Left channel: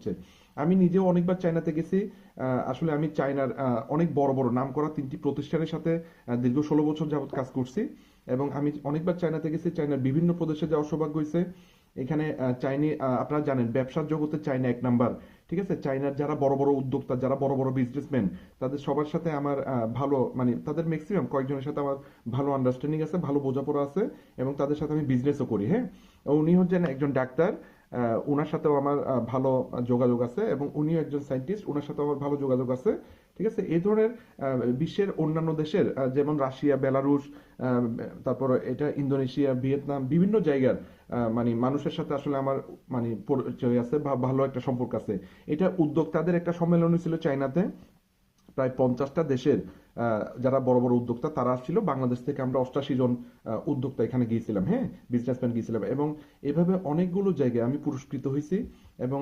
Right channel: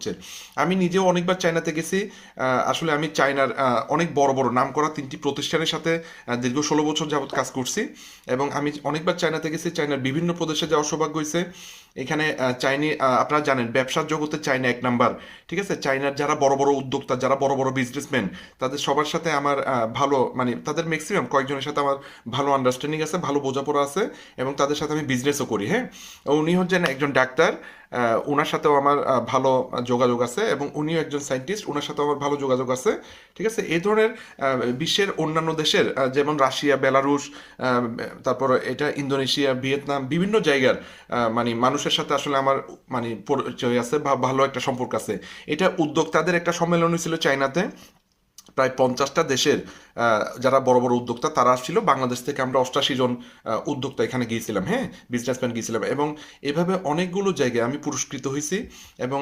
হচ্ছে। আমি নিজেও অনেকবার চায়নাতে গেছি। আসলে আমি চায়নার অনেক বড় বড় নাম করা 3টি প্রতিষ্ঠানের সাথে দীর্ঘ 16 বছর যাবৎ কাজ করছি, এবং আমি অনেকবার চায়নাতে গেছি। চায়নার বিভিন্ন প্রদেশে যাওয়ার সৌভাগ্য হয়েছে। এখানে আপনারা জানেন ব্যবসার জগতে চায়না এক নাম্বার। ঠিক আছে, চায়নার যারা বড় বড় উদ্যোক্তা, যারা বড় বড় বিজনেসম্যান, তাদের সবার সাথে আমার ভালো, মানে তাদের ম্যাক্সিমাম কয়েকজনের সাথে আমার ভালো আন্ডারস্ট্যান্ডিং আছে, ভালো বোঝাপড়া আছে, এবং তাদের সাথে আমি বিজনেসও করি। হ্যাঁ, উনি হচ্ছেন একজন ডাক্তার। ওনার সাথেও আমার ভালো যোগাযোগ আছে, এবং উনিও একজন সায়েন্টিস্ট, ওনার সাথেও আমার ভালো যোগাযোগ আছে। ঠিক আছে, এই ধরনের বিশ্বের অন্যান্য দেশের যেমন রাশিয়া, বেলারুশ, তারপর এটা ইন্দোনেশিয়া, ভিয়েতনাম, বিভিন্ন জায়গার মানে মানুষের সাথে আসলে আমার মানে পরিচয় আছে বা ভালো একটা সম্পর্ক আছে। এটা উদ্যোক্তাদের একটা সম্মেলন ছিল চায়নাতে। প্রায় 50টা দেশের যারা বড় বড় উদ্যোক্তা তারা আসছিল। বাংলাদেশ থেকে আমরা 88 জন উদ্যোক্তা এখানে গিয়েছিলাম, হ্যাঁ, বিজনেসম্যান গিয়েছিলাম, এবং এভাবে অনেকগুলো জায়গায় আমি পুরস্কৃত হয়েছি। এবং